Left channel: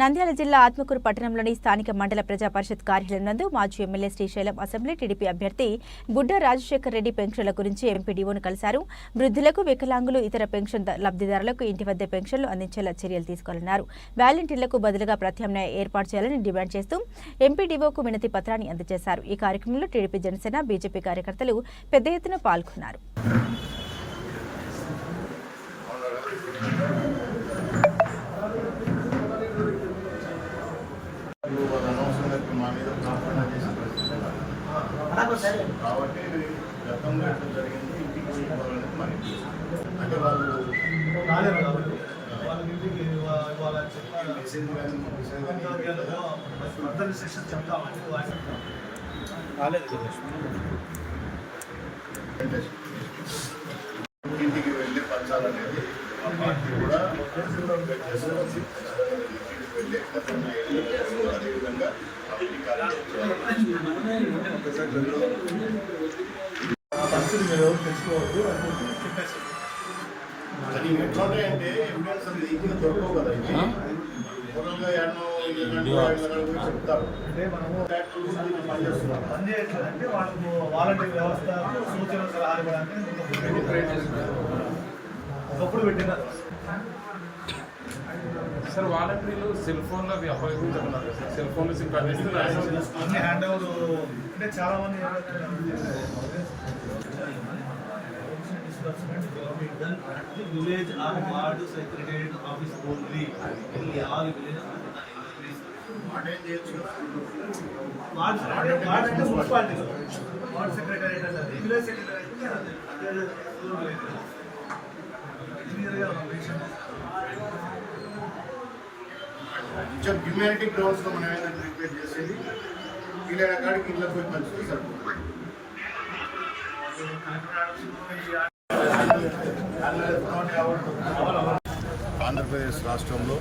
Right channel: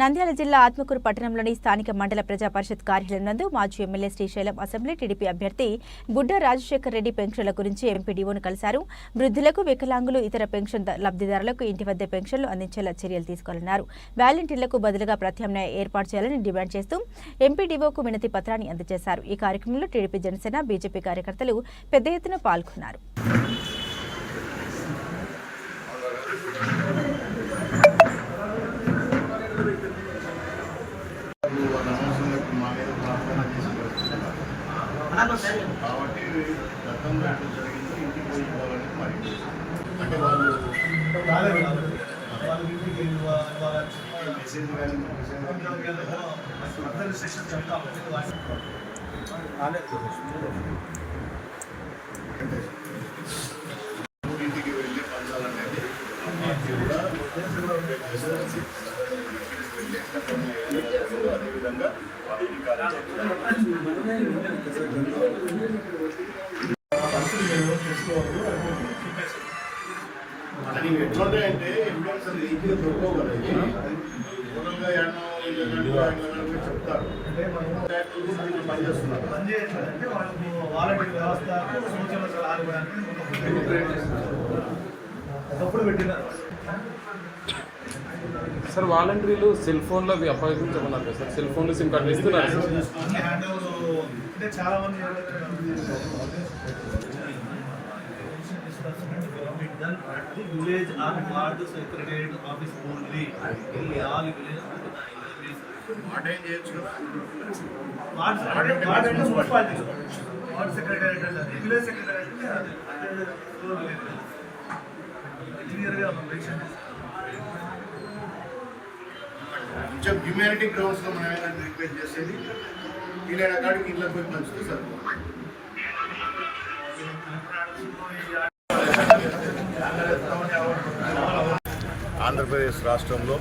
నంద్యాల జిల్లా ఆత్మకూరు పట్టణంలోని స్థానిక మండల ప్రజా పరిషత్ కార్యాలయం నందు మాజీ ఎమ్మెల్యే శ్రీశైలం అసెంబ్లీ టీడీపీ అభ్యర్థి గుడ్డ రాజశేఖర్ రెడ్డి పెన్షన్ల గురించి ఎంపీడీఓను కలిశారు. వృద్ధులకు, వికలాంగులు, ఇతర పెన్షన్ లబ్ధిదారులకు ఇంటి వద్ద పెన్షన్లు అందించేలా చర్యలు తీసుకోవాలన్నారు. వాలంటీర్లకు బదులుగా ప్రత్యామ్నాయ ఏర్పాటు చేయాలని డిమాండ్ చేస్తూ ఎంపీడీఓకు వినతి పత్రాన్ని అందజేశారు. ఈ కార్యక్రమంలో టీడీపీ, జనసేన, బీజేపీ కార్యకర్తలు పెద్ద ఎత్తున పాల్గొన్నారు. కాబట్టి గతంలో ఎట్లా జరిగిందో ఇంటికి ఇవ్వాలని మరి అంటే వాళ్ళు మెసేజ్ కానీ ఇంటికి వెళ్ళి పంచాలనేది పార్టీ కూడా అదేవిధంగా అది ఎట్లా అంటే ఎవిడెన్స్ ఈజీగా దొరకవు కదా. చెప్తారు పనిచేస్తున్నారు. అంటే వాళ్ళకు వాలంటీర్ వ్యవస్థ సూచనలు సలహాలు ఒకప్పుడు పెట్టినారు సార్. వాలంటీర్లు సెల్ ఫోన్లో అపాయించమన్నారు సార్. సెల్ ఫోన్లు సిమ్ కార్డు ఇస్తున్నారు. హ్యాండ్ ఓవర్ అంటే చాలా మంది village or ward secretariat office only all village municipality ward secretariat అంటే విలేజ్ సెక్రటేరియట్ క్లియర్గా కొంచెం హ్యూమానిటీ గ్రౌండ్స్లో మనం ఏమైనా రిక్వెస్ట్ చేసేది వీళ్ళైన కాడికి ఇళ్ళ పోయి మంచిది సార్. ఆంధ్రప్రదేశ్ రాష్ట్రంలో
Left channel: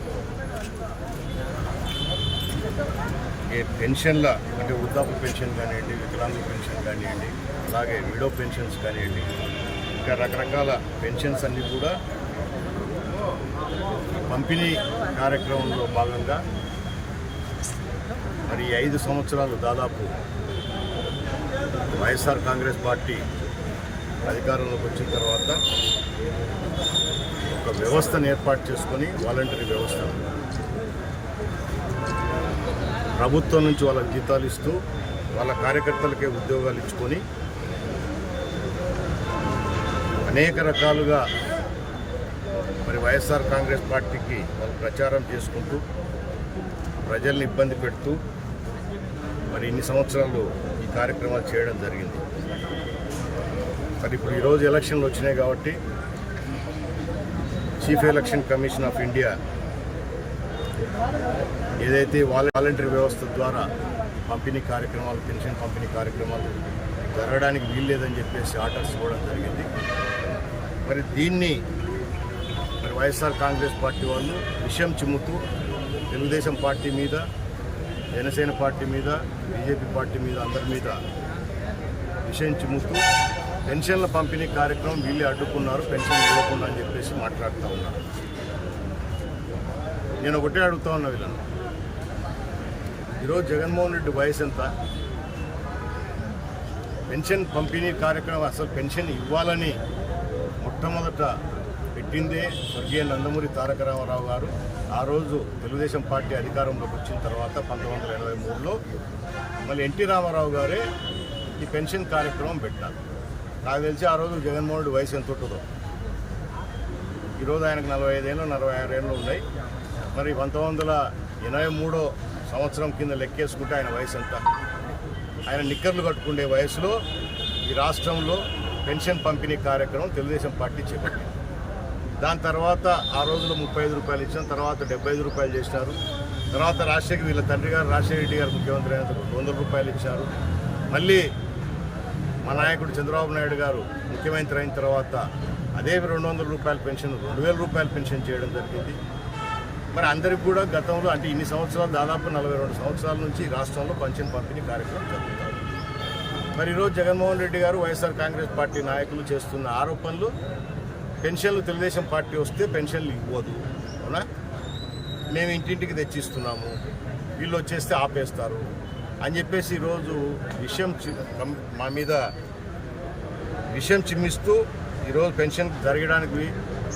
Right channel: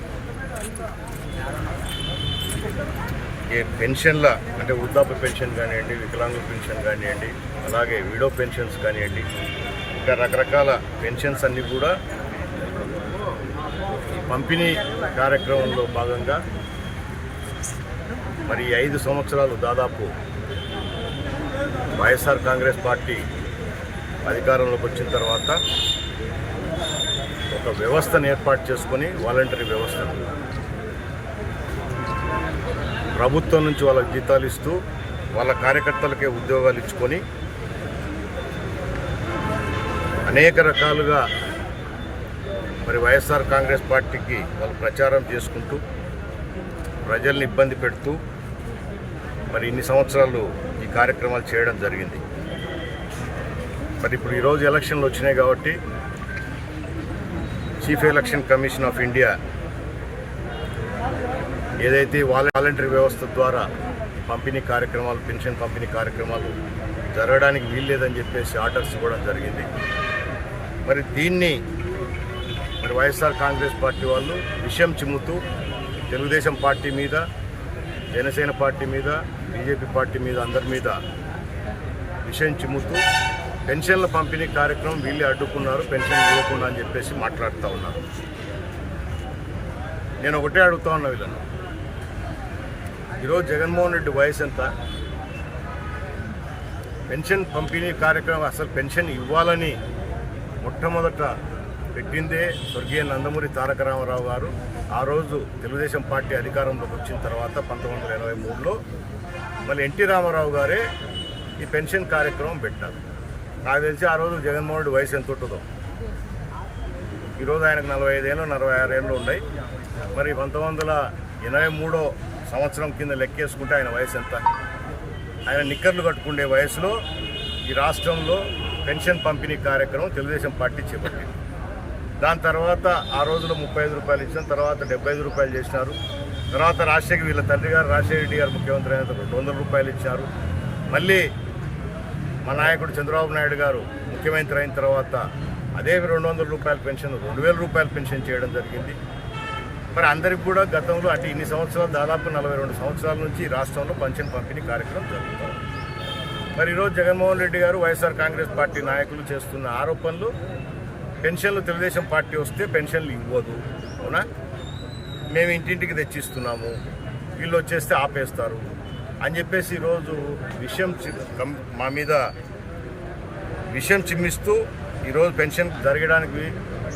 ఏ పెన్షన్ల అంటే వృద్ధాప్య పెన్షన్ కానివ్వండి, వికలాంగుల పెన్షన్ కానివ్వండి, అలాగే విడో పెన్షన్స్ కానివ్వండి, ఇంకా రకరకాల పెన్షన్స్ అన్నీ కూడా ఈ పంపిణీ కార్యక్రమంలో భాగంగా మరి 5 సంవత్సరాలు దాదాపు వైఎస్ఆర్ కాంగ్రెస్ పార్టీ అధికారంలోకి వచ్చిన తర్వాత ఒక వ్యవస్థను ఏర్పాటు చేసుకొని వాలంటరీ వ్యవస్థను ప్రభుత్వం నుంచి వాళ్ళకి జీతాలు ఇస్తూ వాళ్ళ కార్యకర్తలకే ఉద్యోగాలు ఇచ్చుకొని అనేక రకాలుగా మరి వైఎస్ఆర్ కాంగ్రెస్ పార్టీకి వాళ్ళు ప్రచారం చేసుకుంటూ ప్రజల్ని ఇబ్బంది పెడుతూ మరి ఇన్ని సంవత్సరాలు ఈ కార్యక్రమాలు చేయడం జరిగింది. మరి ఇప్పుడు ఈరోజు ఎలక్షన్లు వచ్చినాయి కాబట్టి chief election commission of India ఏదైతే వాలంటరీ వ్యవస్థ ద్వారా పంపిణీ కార్యక్రమాలు, పెన్షన్ పంపిణీ కార్యక్రమాలు జరగడానికి వీల్లేదని చెప్పేసి ఆర్డర్స్ ఇవ్వడం జరిగింది. మరి దీన్ని మరి వైఎస్ఆర్ కాంగ్రెస్ పార్టీ వాళ్ళు విషయం చిమ్ముతూ తెలుగుదేశం పార్టీ మీద, జనసేన పార్టీ మీద, బీజేపీ పార్టీ మీద, అందరి మీద విషయం చిమ్ముతూ పెన్షన్ల పంపిణీ కార్యక్రమం వీళ్ళే అడ్డుకున్నారు, పెన్షన్ ఇవ్వకుండా అని చెప్పేసి మాట్లాడుతూ ఉన్నారు. నేను ఒకటే అడుగుతా ఉన్నా వీళ్ళను, ఈరోజు జగన్మోహన్ రెడ్డి వయసు ఎంత? పెన్షన్ పంపిణీ కార్యక్రమం అసలు పెన్షన్ ఇవ్వాలని మొట్టమొదట పెట్టిందే స్వర్గీయ నందమూరి తారక రామారావు గారు. ఆ రోజు తెలుగుదేశం పార్టీ అధికారంలోకి వచ్చిన తర్వాత 1983లో మళ్ళీ ఎన్టీ రామారావు గారే ఈ పెన్షన్ కార్యక్రమం పెట్టారు. నాకు తెలిసి ఆ రోజు జగన్మోహన్ రెడ్డి వయసు ఎంత ఉంటుందో. ఈరోజు ఆయనకు 45 ఏళ్ళు 46 ఏళ్ళు ఉన్నాయి. మరి 1983 సంవత్సరం కింద లెక్కేసుకుంటే ఆయన వయసు ఎంత? ఆయన నిక్కర్లు కట్టుకునే వయసులో ఈ రాష్ట్రంలో పెన్షన్ పంపిణీ కార్యక్రమం తెలుగుదేశం పార్టీ చేపట్టింది. దాని తర్వాత ఆ రోజులో 35 రూపాయలు ఇచ్చాం, తర్వాత 75 రూపాయలు చేసినారు. తర్వాత రాజశేఖర్ వీళ్ళ తండ్రి గారు రాజశేఖర రెడ్డి గారు ముఖ్యమంత్రి అయిన 200 రూపాయలు ఇచ్చారు. మళ్ళీ మా నాయకుడు చంద్రబాబు నాయుడు గారు ముఖ్యమంత్రి అయిన తర్వాత అదే 200 రూపాయల పెన్షన్ 2000 రూపాయల పెన్షన్ చేయడం జరిగింది. మరి అందరికి కూడా గతంలో అంటే ఇన్ని సంవత్సరాలు దాదాపు 42 సంవత్సరాల నుంచి రాష్ట్రంలో పెన్షన్ పంపిణీ కార్యక్రమం జరుగుతాం. మరి ఈరోజు జగన్మోహన్ రెడ్డి గారు, వైఎస్ఆర్ కాంగ్రెస్ పార్టీ నాయకులు చేస్తున్న ఆరోపణలు పెన్షన్లు తెలుగుదేశం పార్టీ వస్తే పెన్షన్లు ఇవ్వదు, అవునా? మేము ఇంటింటికి తెచ్చిస్తున్నాము, వీళ్ళు వచ్చేస్తే ఆపేస్తారు అని చెప్పేసి ఈరోజు మా మీద విషయం చిమ్మిస్తూ ఈరోజు పెన్షన్ జరగడానికి